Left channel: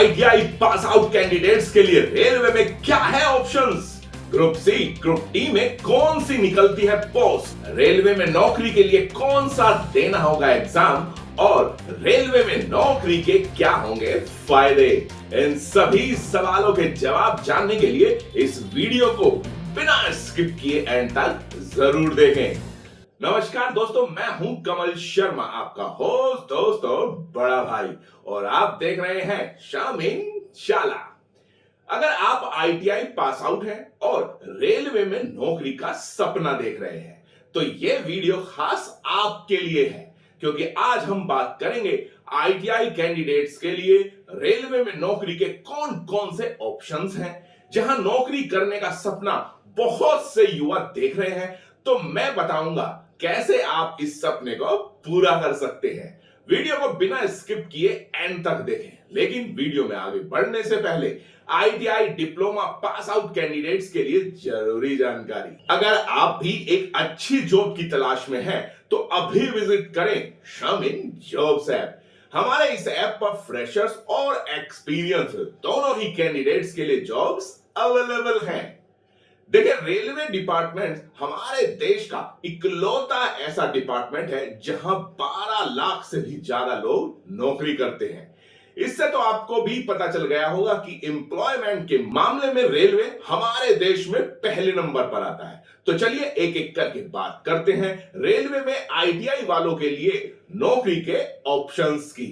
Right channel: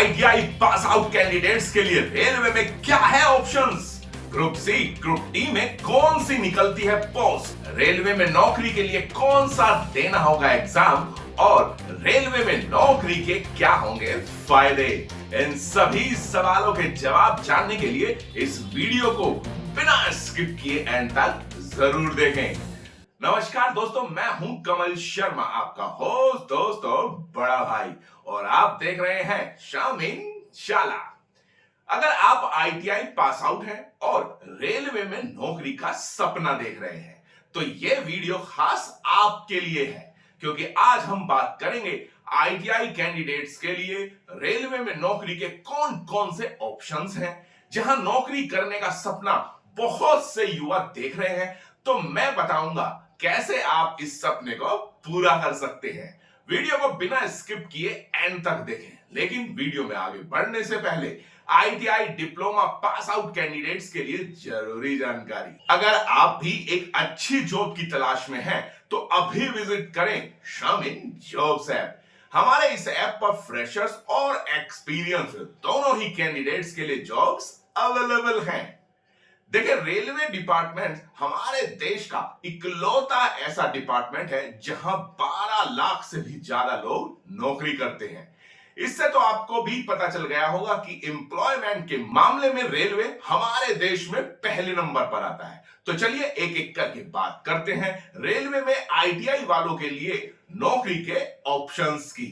ITI pass out candidates के लिए railway में क्या है options? Group C, group D में कौन सी निकलती है पोस्ट? रेलवे में नौकरी के लिए कौन सा देना होगा एग्जाम? और रेलवे में नौकरी के क्या होंगे फायदे? इन सभी सवालों के जवाब जानने के लिए इस वीडियो को बिना स्किप किए एंड तक जरूर देखें। नमस्कार दोस्तों, मैं हूं कमल शर्मा, आपका होस्ट दोस्त और बड़ा भाई, और आप देख रहे हैं शामिन शाला। अगर आप आईटीआई पास आउट हैं और रेलवे में नौकरी का सपना देख रहे हैं तो यह वीडियो खास आपके लिए है, क्योंकि आज हम बात करेंगे आईटीआई कैंडिडेट्स के लिए रेलवे में नौकरी के कौन कौन से ऑप्शंस हैं। जहां नौकरी करने का सपना बहुत से युवा देख रहे हैं, तो मैं बताऊंगा कैसे आप इस सपने को पूरा कर सकते हैं। वीडियो को बिना स्किप किए एंड तक देखें। लेकिन वीडियो में आगे बढ़ने से पहले ITI diploma pass out candidates के लिए जरूरी जानकारी। अगर आप भी एक अच्छी जॉब की तलाश में हैं, तो अभी विजिट करें शामिन जॉब्स ऐप। हमारे इस ऐप पर फ्रेशर्स और एक्सपीरियंस दोनों ही कैंडिडेट्स के लिए जॉब्स अवेलेबल हैं। देखिए, रेलवे डिपार्टमेंट हमारे देश का इकलौता ऐसा डिपार्टमेंट है जहां 12 लाख से भी ज्यादा लोग नौकरी करते हैं। इससे तो आपको भी पता चल गया होगा कि एम्प्लॉयमेंट के मामले में रेलवे हमारे देश में पहले नंबर पर आता है। तो चलिए एक एक करके बात करते हैं रेलवे में आईटीआई वालों के लिए नौकरी के ऑप्शंस की।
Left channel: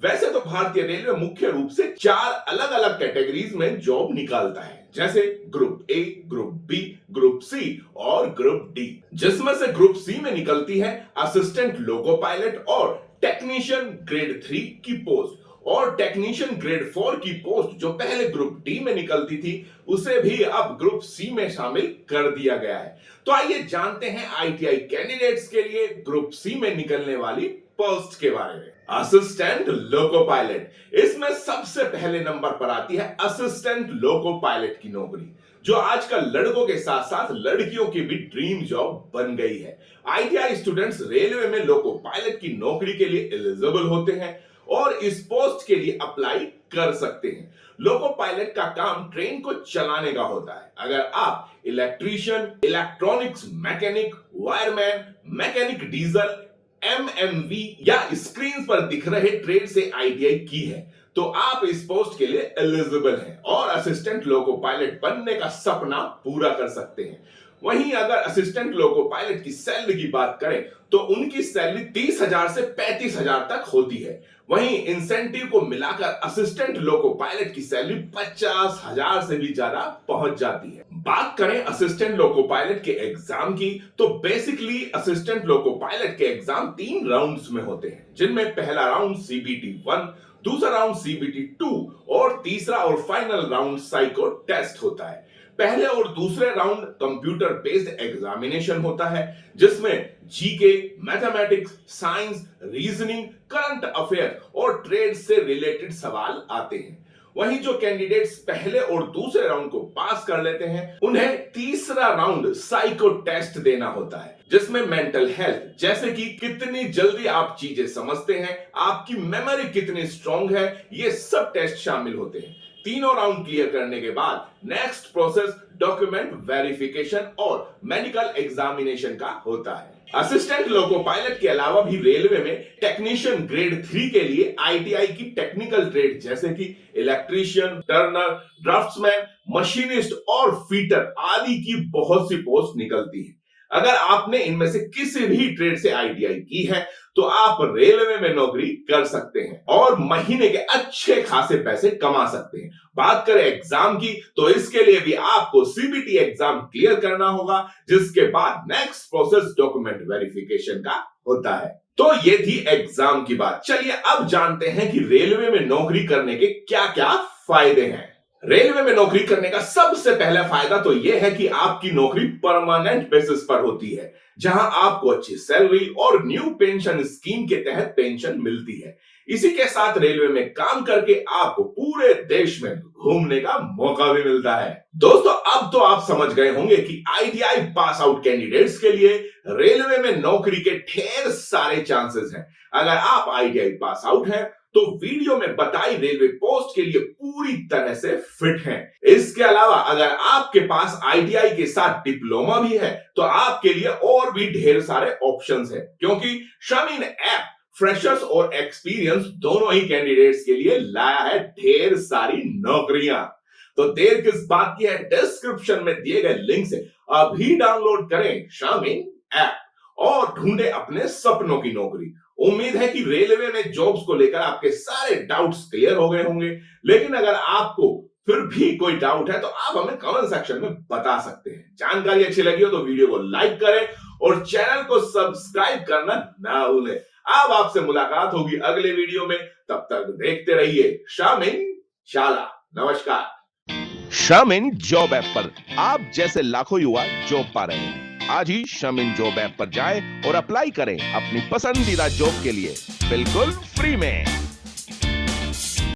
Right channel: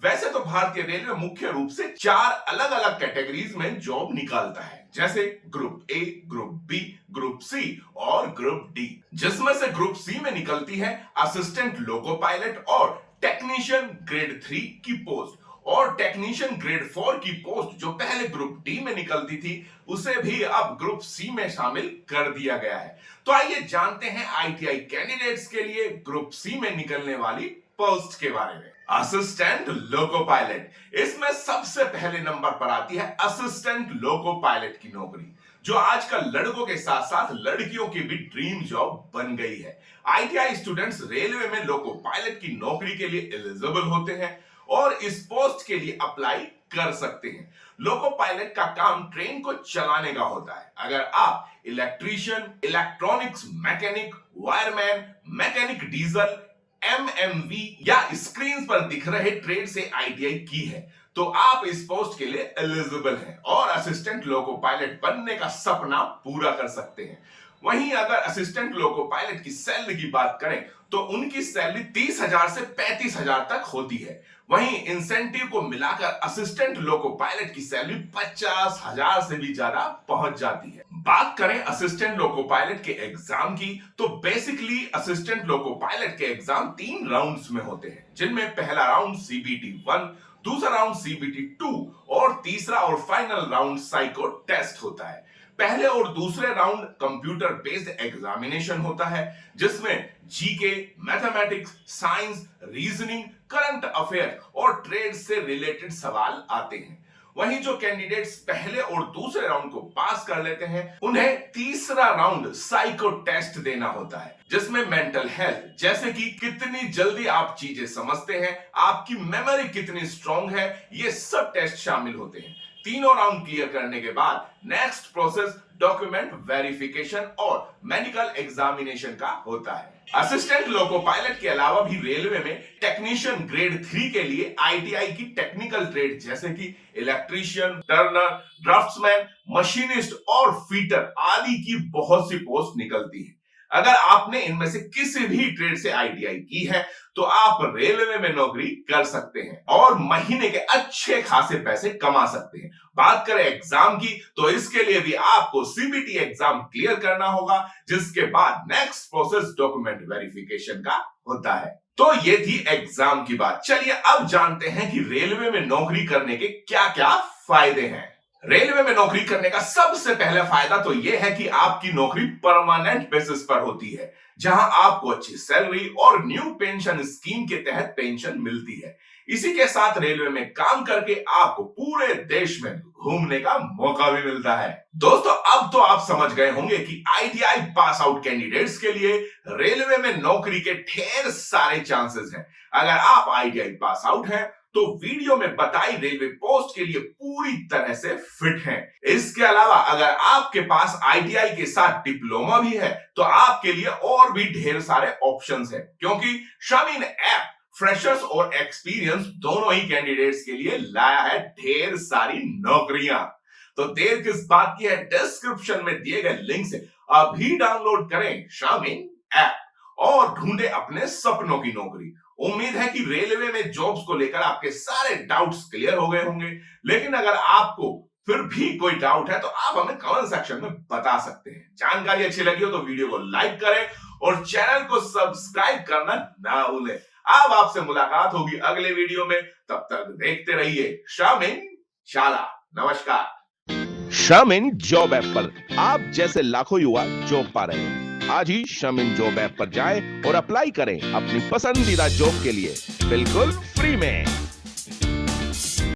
वैसे तो भारतीय रेलवे मुख्य रूप से 4 अलग अलग कैटेगरीज में जॉब निकालता है, जैसे group A, group B, group C और ग्रुप डी। जिसमें से ग्रुप सी में निकलती है असिस्टेंट लोको पायलट और टेक्नीशियन ग्रेड 3 की पोस्ट, और टेक्नीशियन ग्रेड 4 की पोस्ट जो पहले ग्रुप डी में निकलती थी, उसे भी अब ग्रुप सी में शामिल कर दिया गया है। तो आइए जानते हैं आईटीआई कैंडिडेट्स के लिए ग्रुप सी में निकलने वाली पोस्ट के बारे में। असिस्टेंट लोको पायलट, इसमें सबसे पहले नंबर पर आती है असिस्टेंट लोको पायलट की नौकरी, जो आजकल लड़कों के साथ साथ लड़कियों की भी ड्रीम जॉब बन गई है। आईटीआई स्टूडेंट्स रेलवे में लोको पायलट की नौकरी के लिए एलिजिबल होते हैं और इस पोस्ट के लिए अप्लाई कर सकते हैं। लोको पायलट का काम ट्रेन को चलाने का होता है। अगर आप electrician, electronics mechanic, wireman, mechanic diesel, MMV या स्क्रीन पर दिख रहे ट्रेड से आईटीआई की है, तो आप इस पोस्ट के लिए एलिजिबल हैं और असिस्टेंट लोको पायलट बनने का सपना पूरा कर सकते हैं। वहीं अगर असिस्टेंट लोको पायलट की सैलरी की बात करें तो उनकी सैलरी 30,000 से 35,000 तक होती है। वहीं इंसेंटिव को मिलाकर असिस्टेंट लोको पायलट की सैलरी 50,000 से भी ज्यादा पहुंच जाती है। बात करें असिस्टेंट लोको पायलट के एग्जाम की, तो बेसिकली असिस्टेंट लोको पायलट के एग्जाम 3 राउंड्स में होते हैं, जिनमें पहला राउंड सीबीटी 1, दूसरा राउंड सीबीटी 2 और तीसरा और फाइनल राउंड साइको टेस्ट होता है। पहले और दूसरे राउंड कंप्यूटर बेस्ड एग्जामिनेशन होता है, जिसमें GK, mathematics, science, reasoning, current affair और ट्रेड से रिलेटेड सवाल आते हैं। वहीं जो कैंडिडेट्स पहले और दूसरे राउंड को पास कर लेते हैं, उन्हें तीसरा राउंड साइको टेस्ट देना होता है, जिसमें मेंटल हेल्थ, जैसे कि कितनी जल्दी आप चीजें समझते हैं, आपकी मेमोरी कितनी स्ट्रांग है, ये सब टेस्ट शामिल होते हैं। तीनों राउंड क्लियर करने के बाद नेक्स्ट प्रोसेस डॉक्यूमेंट वेरिफिकेशन और मेडिकल एग्जामिनेशन का होता है। असिस्टेंट लोको पायलट के अलावा भी रेलवे में टेक्नीशियन ग्रेड 3 के लिए आईटीआई की टेक्निकल ट्रेड जैसे कि इलेक्ट्रीशियन, टर्नर, ड्राफ्ट्समैन, मशीनिस्ट और फीटर आदि की बहुत सी पोस्ट निकलती है। अगर आपने इनमें से किसी भी ट्रेड से आईटीआई की है, तो आप रेलवे में नौकरी कर सकते हैं और महीने के अच्छे खासे पैसे कमा सकते हैं। बात करें एग्जाम की, तो इसके लिए भी आपको सीबीटी एग्जाम क्लियर करना होगा, जिसके बाद नेक्स्ट प्रोसेस डॉक्यूमेंट वेरिफिकेशन का होता है। तो ये थी एग्जाम की बात। चलिए अब जानते हैं कि रेलवे में नौकरी करने के क्या क्या फायदे हैं। रेलवे में नौकरी करने का सबसे पहला फायदा तो यह है कि आपकी नौकरी परमानेंट बेसिस पर होती है, जहां आपको अच्छी सैलरी और न्यू पेंशन स्कीम के तहत पेंशन मिलती है। इसी के साथ रेलवे में काम करके आपको पूरे देश में घूमने का मौका भी मिलता है। दोस्तों, अब तो आप समझ गए होंगे कि आईटीआई पास आउट कैंडिडेट्स के लिए रेलवे में नौकरी के ढेर सारे चांसेस हैं। अगर आप आईटीआई पास आउट हैं तो वीडियो में बताई रेलवे पोस्ट के लिए पूरी तरह से फिट हैं। इसके अलावा अगर आपके पास आईटीआई के साथ डिप्लोमा भी है तो आपके लिए और भी ढेर सारे ऑप्शंस हैं, क्योंकि शामीन ऐप फ्रेशर्स और एक्सपीरियंस दोनों ही कैंडिडेट्स के लिए लाया है ढेर सारी नौकरियां। तो देर किस बात की है, डिस्क्रिप्शन में दिए गए लिंक से अभी डाउनलोड करें शामीन ऐप और ढूंढे अपने सपनों की नौकरी। उम्मीद है कि रेलवे में जॉब्स को लेकर आपके सारे डाउट्स क्लियर हो गए होंगे, लेकिन अगर आपको फिर भी कोई डाउट है तो आप हमें कमेंट सेक्शन में बता सकते हैं। जानकारी अच्छी लगी हो तो वीडियो को लाइक करें और चैनल को सब्सक्राइब करना ना भूलें। अब आपसे मुलाकात होगी अगले वीडियो में, तब तक देखते रहिए शामीन शाला। नमस्कार। शामीन जॉब ऐप पर आप जैसे लाखों युवा जॉब पा रहे हैं। आज ही शामीन जॉब ऐप पर जाएं और अप्लाई करें अपनी पसंदीदा जॉब के लिए बिल्कुल फ्री में।